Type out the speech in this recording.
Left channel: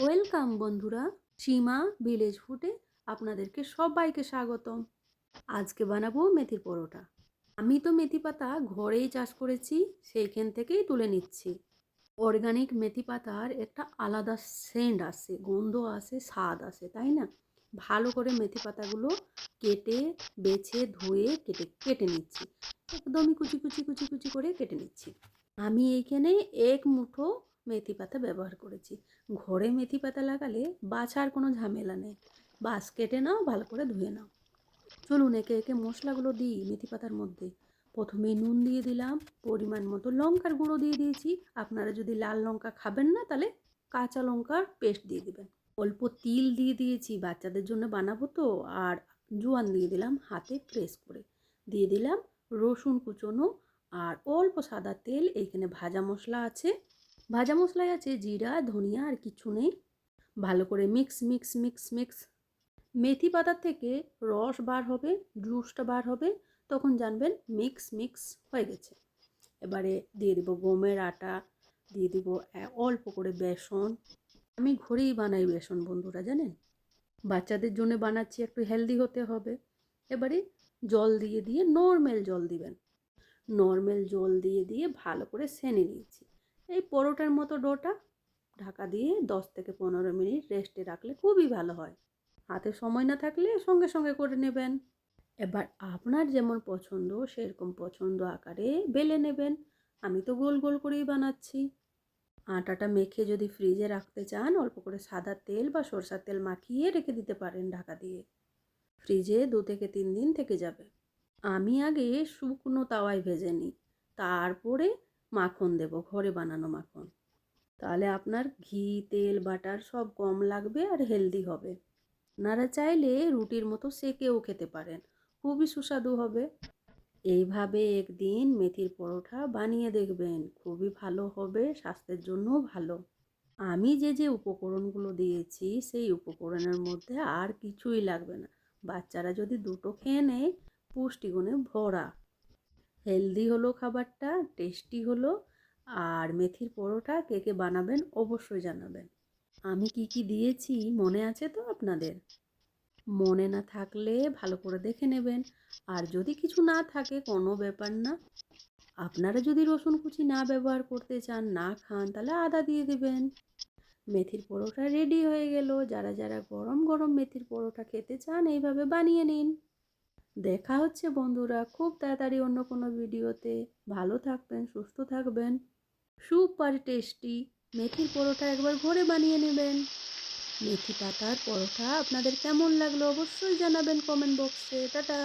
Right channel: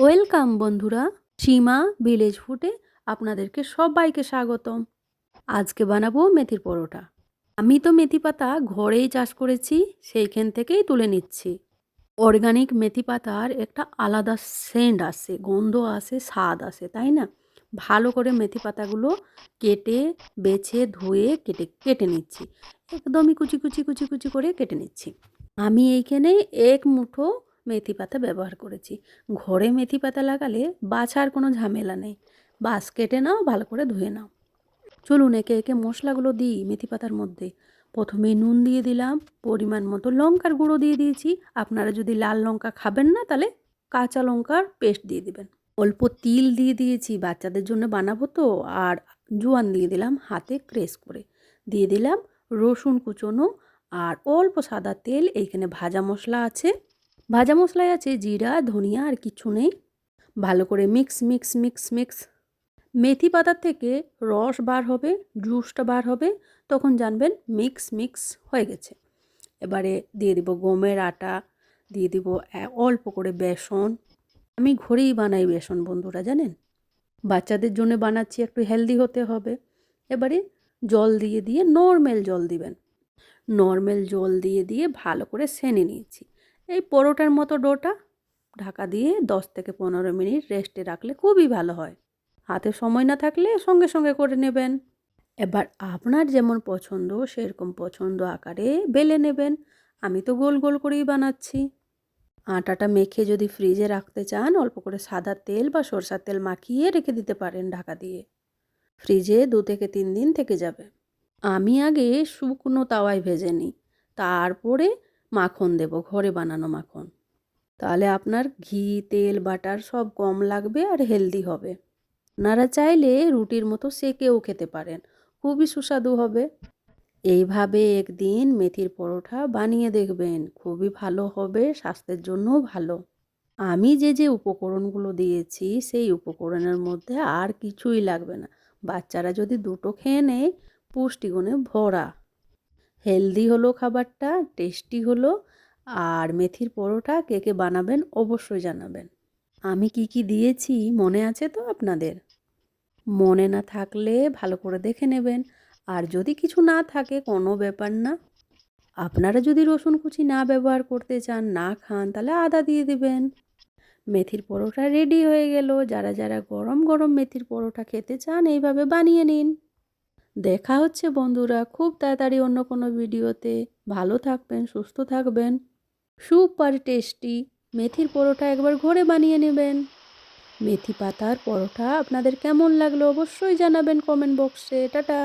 Welcome বন্ধুরা, সীমা village ফুডে আপনাদেরকে সবাইকে স্বাগতম। আজকে বানাবো মেথির পরোটা। আমি তো মেথি পাতা ঘরেই চাষ করেছি, সেইখান থেকেই তুলে নিচ্ছি। অর্গানিক মেথি পাতার একটা আলাদা সেন্ট আসে, গন্ধ আসে, স্বাদ আসে, তাই না? ভালো করে মেথি পাতাগুলো কেটে বেছে ধুয়ে কেটে নিচ্ছি। একদমই কুচি কুচি কুচি কুচি করে কেটে নিচ্ছি। আমি এইখানে এক মুঠো মেথি পাতা ব্যবহার করেছি। ঘরে মেথি পাতা লাগালে বাছার কোনো ঝামেলা নেই। বাস কেটে নাও, ভালো করে ধুয়ে নাও। চলুন একে একে মশলাগুলো দিই মেথি পাতার মধ্যে। প্রথমে নুন দিয়ে দিলাম, পরিমাণ মতো লঙ্কার গুঁড়ো দিয়ে দিয়েছি। আপনারা যদি লাল লঙ্কা খাবেন না, তাহলে কাঁচা লঙ্কার পেস্ট দিয়ে দিবেন। অল্প তিল দিয়ে দিয়েছি, বাচ্চাদের জন্য বানাবো তো। আর জোয়ান দিয়ে দিলাম হাতে ক্রেশ করে। দিয়ে দিলাম রসুন কুচোনো আর অল্প সাদা তেল। এইখানে ভাজা মশলা আছে, ভাজা মশলায় আছে জিরা, ধনিয়া, আর কিছু নেই। ভালো করে মিক্স মিক্স মিক্স মিক্স। মেথি পাতার থেকে রস বার হবে, জুসটা বার হবে, তখন জানবেন মিক্স মিক্স হয়ে গেছে। এবারে দিয়ে দিব গমের আটা, দিয়ে দিব অল্প করে বেসন। আমি ঘরেই বানাই বেসন বন্ধুরা, জানেন। বাচ্চাদের জন্য বানাচ্ছি, একটু হেলদি হতে হবে। এবারে জল দিয়ে দিয়ে নর্মাল জল দিবেন। নর্মাল জল দিয়ে দিয়ে ভালো করে সেনে নিয়েছি। এই পরোটার মতো ডোটা ঢাকা দিয়ে 10 থেকে 15 মিনিট রেস্টে রাখলে খুবই ভালো হয়। হাতে সময় না থাকলে সঙ্গে সঙ্গে করে নেবেন। এবার আপনার যেমন পছন্দ সেরকম পছন্দ আকারে বেলে নেবেন। আমি তো গোল গোল করেই বানাচ্ছি। আটাটা মেখে যদি ফ্রিজে রাখতে চান, অল্প করে সাদা তেল বা সরষার তেল মাখিয়ে রেখে দিতে পারেন ঢাকা দিয়ে। ফ্রিজে 2 থেকে 3 দিন থেকে যাবে। আমি আগে শুকনো তাওয়ায় ভেজে নিই, তারপরে মাখন দেব, ঘরে বানানো মাখন। তাহলে আপনার ঘি, তেল, বাটার সব কম লাগবে আর হেলদি হবে। আপনারা চাইলে রুটির মতো সেকেও খেতে পারেন, খুবই সুস্বাদু হবে। এইভাবে একদিন মেথির পরোটা বানিয়ে দেখবেন, খুবই ভালো হবে, স্বাস্থ্যের জন্যও ভালো। আমি যে যে উপকরণগুলো দিয়েছি সেই উপকরণের মধ্যে আর কিছুই লাগবে না। বাচ্চারা যদি দুটো খেয়ে নেয়, পুষ্টিগুণে ভরা। হেলদি হলো খাবারটা, টেস্টি হলো। আর মেথির পরোটা কে কে বানাবেন অবশ্যই জানাবেন। আমি কি কি দিয়েছি মনে আছে তো আপনাদের? মনে না থাকলে ভালো করে দেখে নেবেন। আর যদি কিছু না থাকে কোনো ব্যাপার না। আপনারা যদি রসুন কুচি না ব্যবহার করতে চান, না খান, তাহলে আদা দিয়ে দিবেন। মেথির পরোটা রেডি হয়ে গেল। যারা যারা গরম গরম মেথির পরোটা খেতে চান, এইভাবে বানিয়ে নিন। দেখা হচ্ছে বন্ধুরা খুব তাড়াতাড়ি অন্য কোনো ভিডিওতে। ভালো থাকবেন, সুস্থ থাকবেন। সুপার টেস্টি মেথির পরোটা একবার ঘরে বানিয়ে নেবেন। মেথি পাতার পরোটা আপনাদের কেমন লাগলো অবশ্যই জানাবেন কমেন্ট বক্সে। টাটা।